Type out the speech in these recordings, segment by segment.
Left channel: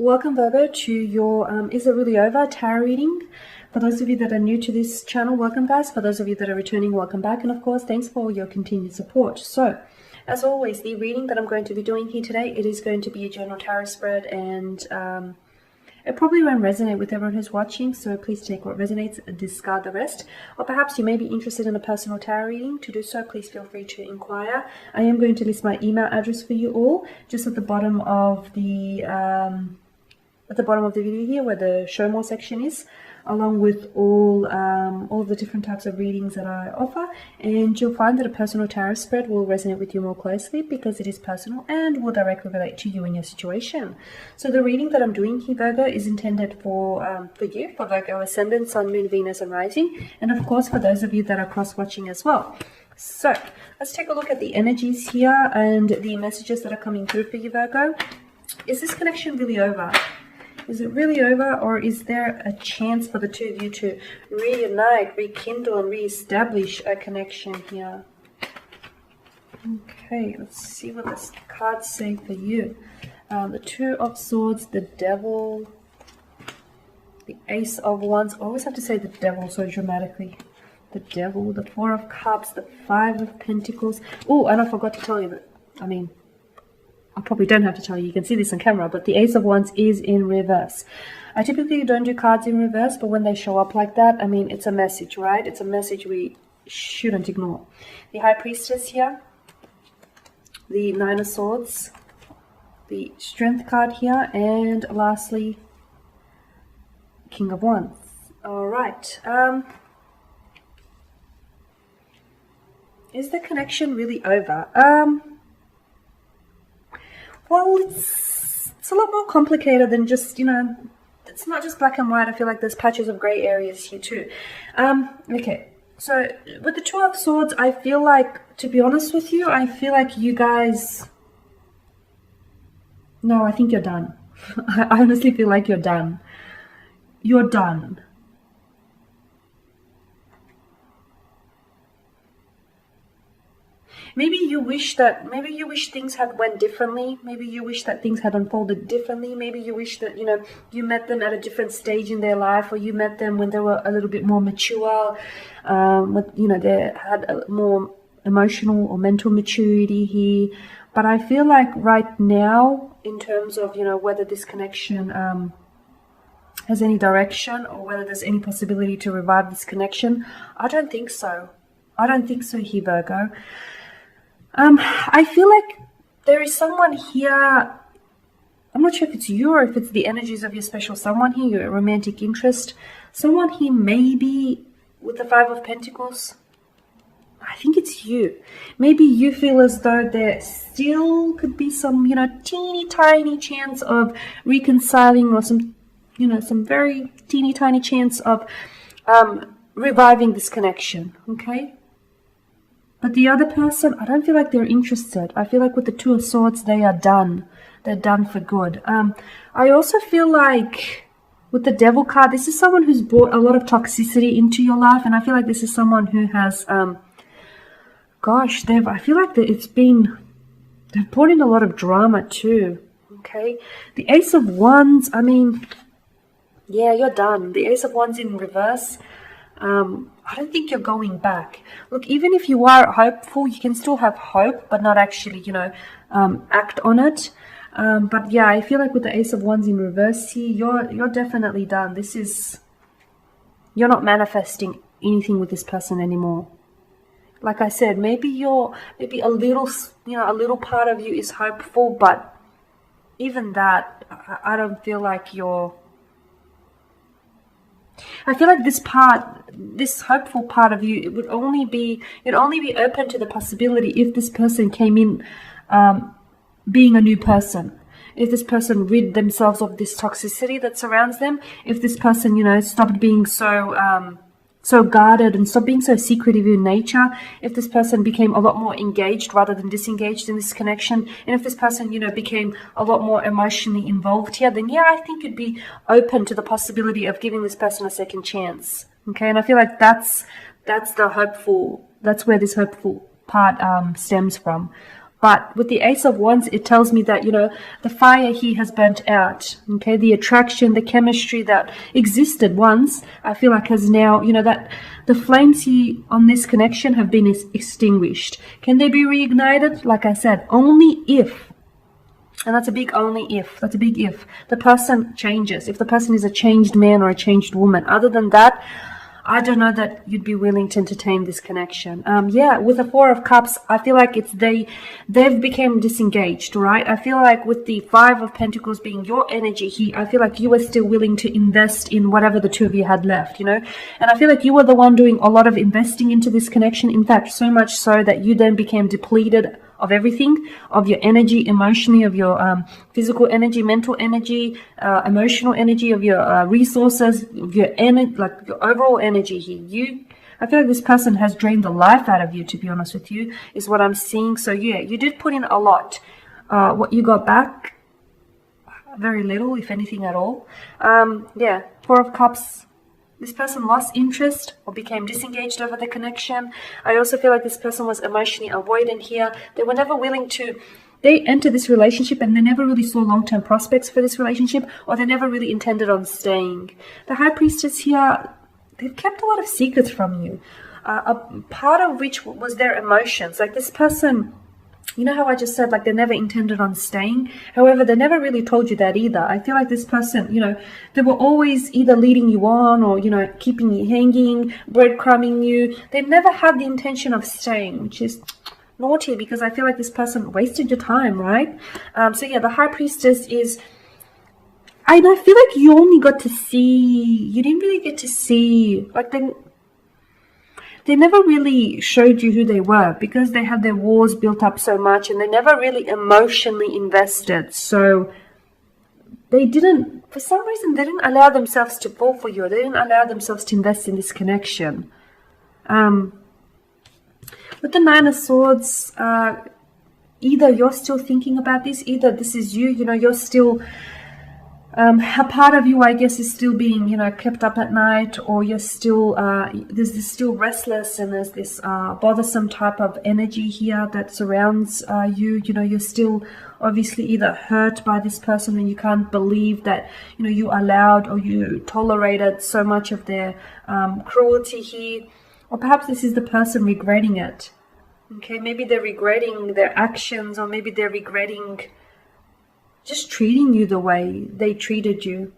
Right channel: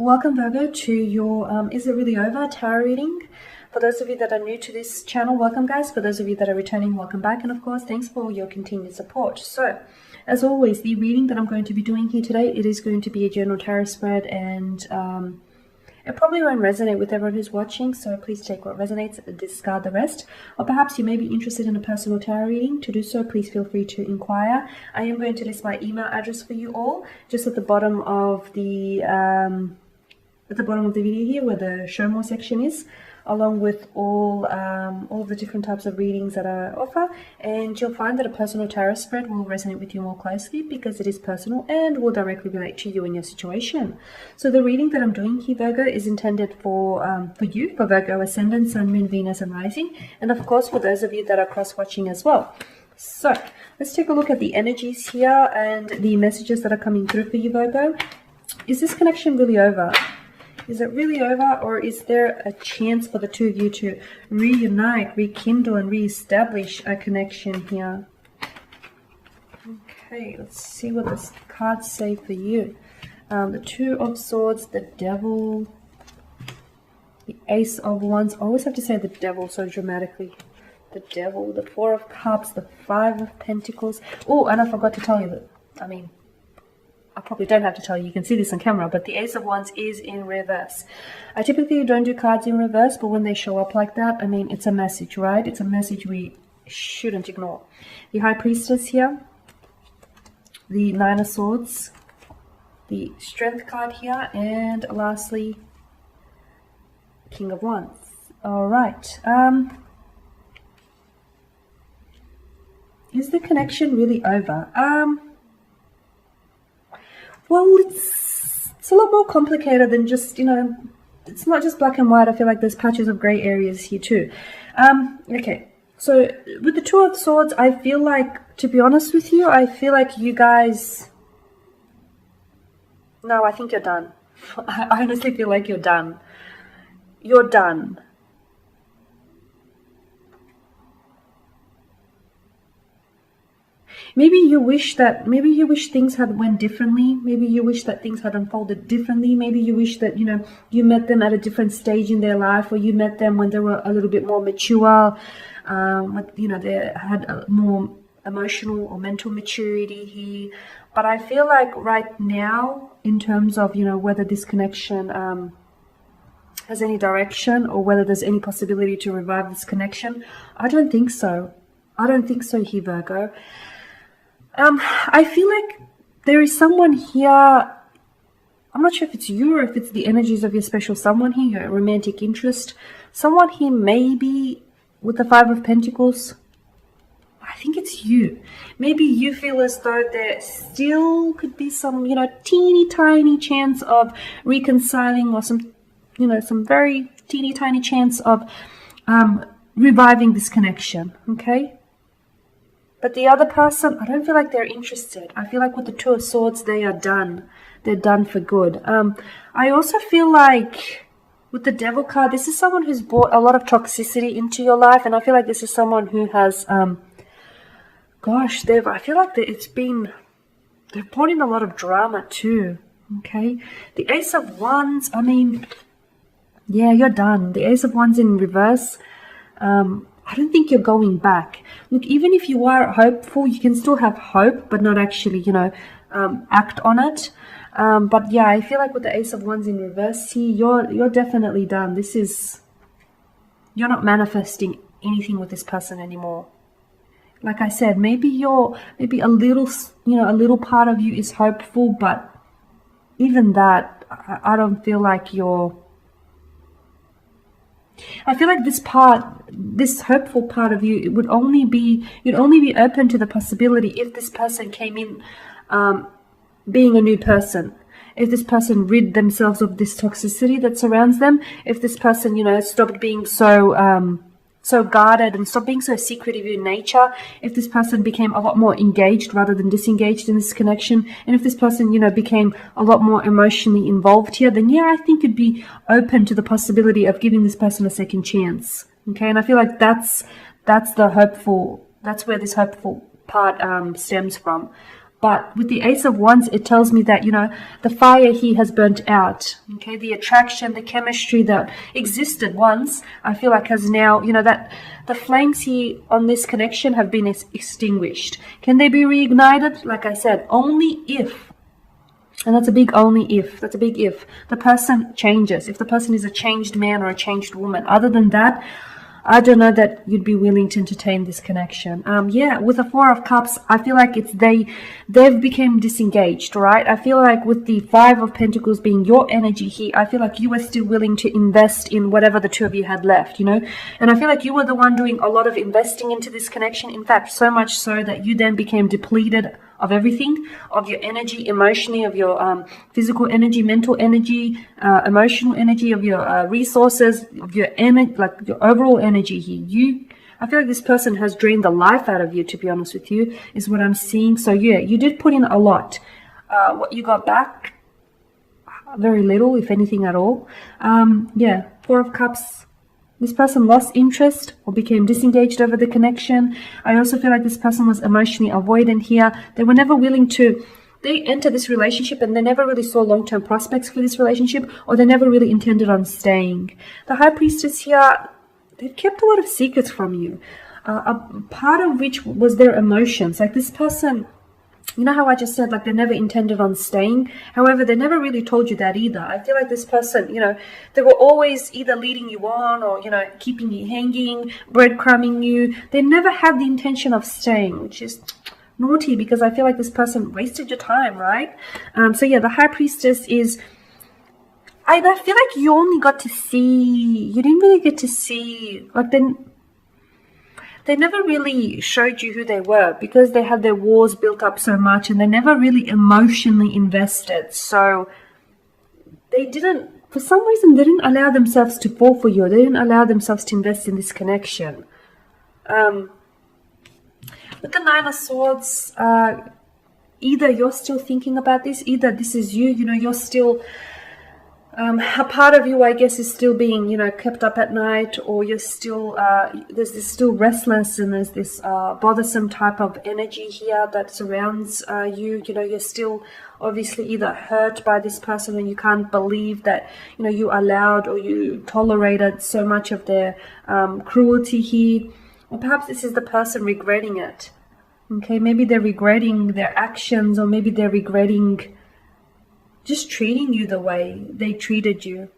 Welcome, Virgo, to your Is It Really Over tarot reading. For those of you that are new to this channel, welcome, guys. For those of you that are returning, welcome back. And of course, thanks for your continued support. So, as always, the reading that I'm going to be doing here today, it is going to be a general tarot spread, and it probably won't resonate with everyone who's watching, so please take what resonates, discard the rest. Or perhaps you may be interested in a personal tarot reading. To do so, please feel free to inquire. I am going to list my email address for you all just at the bottom of the video here, where the show more section is, along with all the different types of readings that I offer. And you'll find that a personal tarot spread will resonate with you more closely because it is personal and will directly relate to you and your situation. So the reading that I'm doing here, Virgo, is intended for you, for Virgo Ascendant, Sun, Moon, Venus and Rising, and of course for those of you that are cross-watching as well. So let's take a look at the energies here and the messages that are coming through for you, Virgo. Is this connection really over? Is it really over, or is there a chance for the two of you to reunite, rekindle, and reestablish a connection here? Okay, let's see what the cards say for you. The Two of Swords, the Devil, the Ace of Wands. I always have to say the Devil so dramatically. The Devil, the Four of Cups, the Five of Pentacles. Oh, and I forgot to tell you that, I probably don't have to tell you, you can see this on camera, but the Ace of Wands is in reverse. I typically don't do cards in reverse, but when they show up like that, it's a message, right? It's a message we shouldn't ignore. The High Priestess here, the Nine of Swords, the Strength card here, and lastly, King of Wands. All right. Is the connection really over? Well, it's a lot more complicated than just, it's not just black and white. I feel like there's patches of gray areas here too. Okay, so with the Two of Swords, I feel like, to be honest with you, I feel like you guys... No, I think you're done. I honestly feel like you're done. You're done. Maybe you wish things had went differently. Maybe you wish that things had unfolded differently. Maybe you wish that, you met them at a different stage in their life, or you met them when they were a little bit more mature, they had a more emotional or mental maturity here. But I feel like right now, in terms of, whether this connection has any direction, or whether there's any possibility to revive this connection, I don't think so. I don't think so here, Virgo. I feel like there is someone here, I'm not sure if it's you or if it's the energies of your special someone here, your romantic interest. Someone here maybe with the Five of Pentacles. I think it's you. Maybe you feel as though there still could be some, teeny tiny chance of reconciling, or some very teeny tiny chance of reviving this connection, okay? But the other person, I don't feel like they're interested. I feel like with the Two of Swords, they are done. They're done for good. I also feel like with the Devil card, this is someone who's brought a lot of toxicity into your life. And I feel like this is someone who has, I feel like they've brought in a lot of drama too. Okay. The Ace of Wands, yeah, you're done. The Ace of Wands in reverse. I don't think you're going back. Look, even if you are hopeful, you can still have hope, but not actually, act on it. But yeah, I feel like with the Ace of Wands in reverse here, you're definitely done. You're not manifesting anything with this person anymore. Like I said, maybe a little part of you is hopeful, but even that, I don't feel like you're... I feel like this hopeful part of you, you'd only be open to the possibility if this person came in being a new person. If this person rid themselves of this toxicity that surrounds them, if this person, stopped being so guarded and stopped being so secretive in nature, if this person became a lot more engaged rather than disengaged in this connection, and if this person, became a lot more emotionally involved here, then yeah, I think you'd be open to the possibility of giving this person a second chance. Okay, and I feel like that's where this hopeful part stems from. But with the Ace of Wands, it tells me that, the fire here has burnt out. Okay, the attraction, the chemistry that existed once, I feel like has now, that the flames here on this connection have been extinguished. Can they be reignited? Like I said, only if, and that's a big only if, that's a big if, the person changes. If the person is a changed man or a changed woman. Other than that, I don't know that you'd be willing to entertain this connection. Yeah, with the Four of Cups, I feel like they've become disengaged, right? I feel like with the Five of Pentacles being your energy here, I feel like you were still willing to invest in whatever the two of you had left, And I feel like you were the one doing a lot of investing into this connection. In fact, so much so that you then became depleted of everything, of your energy, emotionally, of your physical energy, mental energy, emotional energy, of your resources, of your energy, like your overall energy here. I feel like this person has drained the life out of you, to be honest with you, is what I'm seeing. So yeah, you did put in a lot. What you got back, very little, if anything at all. Yeah, Four of Cups. This person lost interest or became disengaged over the connection. I also feel like this person was emotionally avoidant here. They were never willing to, they entered this relationship and they never really saw long-term prospects for this relationship, or they never really intended on staying. The High Priestess here, they've kept a lot of secrets from you. A part of which was their emotions. Like this person, you know how I just said, like, they never intended on staying? However, they never really told you that either. I feel like this person, they were always either leading you on or, keeping you hanging, breadcrumbing you. They never had the intention of staying, which is naughty because I feel like this person wasted your time, right? So yeah, the High Priestess is, I feel like you only got to see, you didn't really get to see, like, they never really showed you who they were because they had their wars built up so much and they never really emotionally invested. So they didn't, for some reason, they didn't allow themselves to fall for you. They didn't allow themselves to invest in this connection. With the Nine of Swords, either you're still thinking about this, either this is you, you're still... a part of you, I guess, is still being, kept up at night, or you're still, there's this still restless and there's this bothersome type of energy here that surrounds you. You're still obviously either hurt by this person and you can't believe that, you allowed or you tolerated so much of their cruelty here. Or perhaps this is the person regretting it. Okay, maybe they're regretting their actions, or maybe they're regretting just treating you the way they treated you.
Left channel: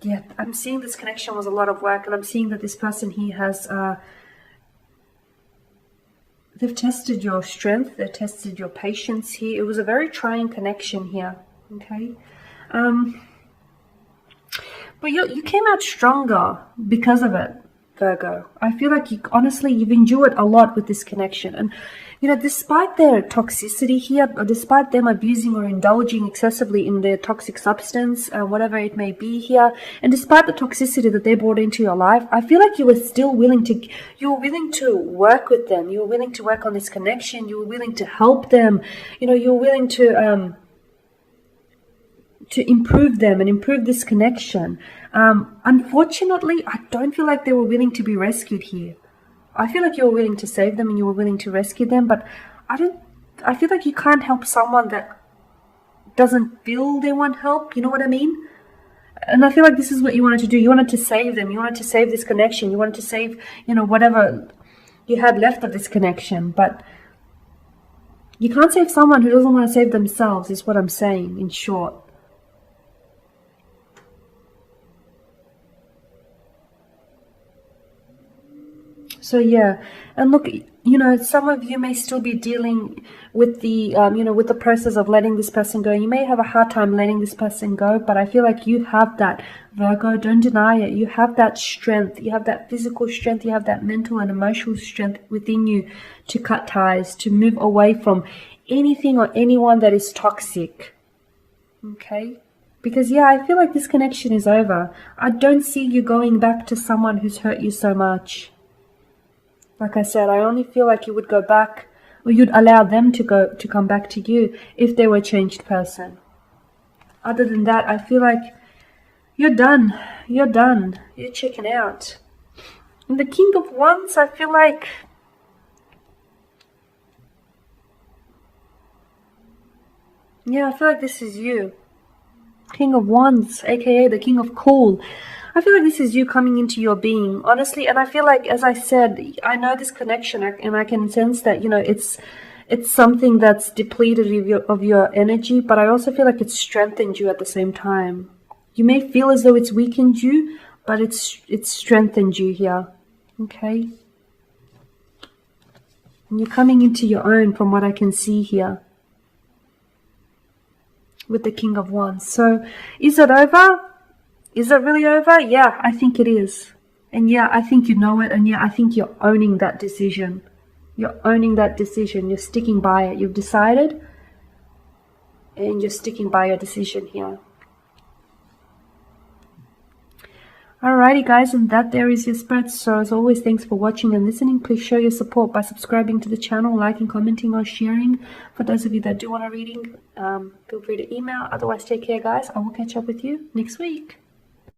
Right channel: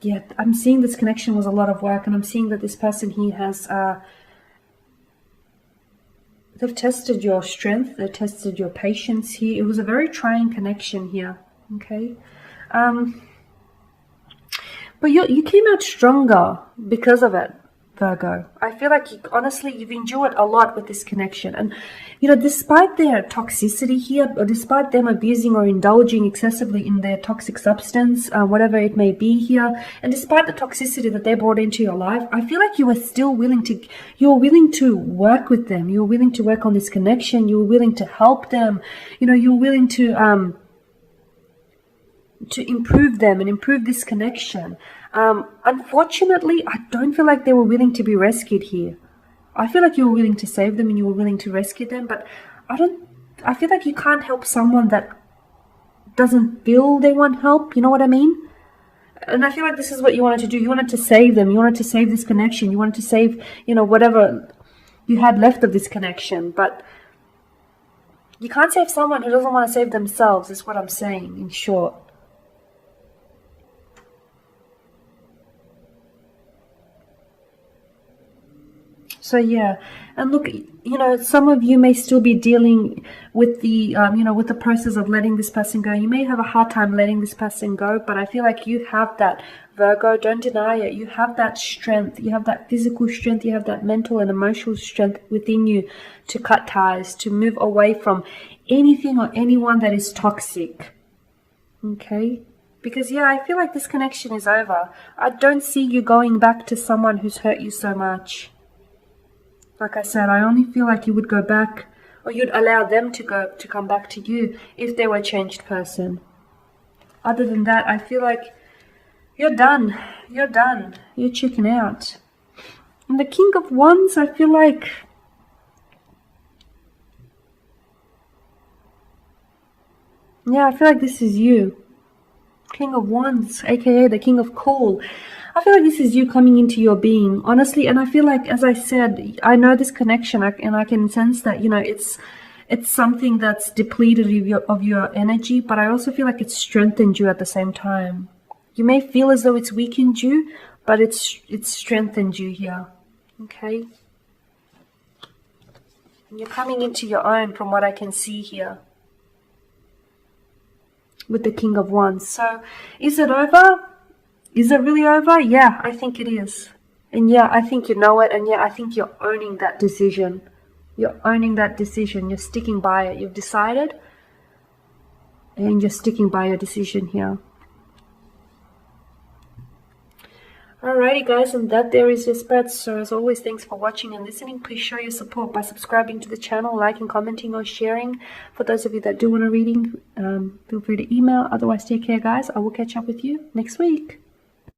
Yeah, I'm seeing this connection was a lot of work, and I'm seeing that this person here has, they've tested your strength, they've tested your patience here. It was a very trying connection here, okay? But you came out stronger because of it, Virgo. I feel like honestly, you've endured a lot with this connection. And despite their toxicity here, or despite them abusing or indulging excessively in their toxic substance, whatever it may be here, and despite the toxicity that they brought into your life, I feel like you were still willing to work with them. You were willing to work on this connection. You were willing to help them. You were willing to improve them and improve this connection. Unfortunately, I don't feel like they were willing to be rescued here. I feel like you were willing to save them and you were willing to rescue them, but I feel like you can't help someone that doesn't feel they want help, you know what I mean? And I feel like this is what you wanted to do. You wanted to save them. You wanted to save this connection. You wanted to save, whatever you had left of this connection, but you can't save someone who doesn't want to save themselves, is what I'm saying, in short. So yeah, and look, some of you may still be dealing with the, with the process of letting this person go. You may have a hard time letting this person go, but I feel like you have that, Virgo. Don't deny it. You have that strength. You have that physical strength. You have that mental and emotional strength within you to cut ties, to move away from anything or anyone that is toxic. Okay? Because, yeah, I feel like this connection is over. I don't see you going back to someone who's hurt you so much. Like I said, I only feel like you would go back, or you'd allow them to come back to you if they were a changed person. Other than that, I feel like you're done. You're done. You're checking out. And the King of Wands, I feel like Yeah, I feel like this is you. King of Wands, aka the King of Coal. I feel like this is you coming into your being, honestly. And I feel like, as I said, I know this connection, and I can sense that, it's something that's depleted of your energy, but I also feel like it's strengthened you at the same time. You may feel as though it's weakened you, but it's strengthened you here. Okay? And you're coming into your own from what I can see here with the King of Wands. So, is it over? Is it really over? Yeah, I think it is. And yeah, I think you know it. And yeah, I think you're owning that decision. You're owning that decision. You're sticking by it. You've decided. And you're sticking by your decision here. Alrighty guys, and that there is your spread. So as always, thanks for watching and listening. Please show your support by subscribing to the channel, liking, commenting, or sharing. For those of you that do want a reading, feel free to email. Otherwise, take care guys. I will catch up with you next week.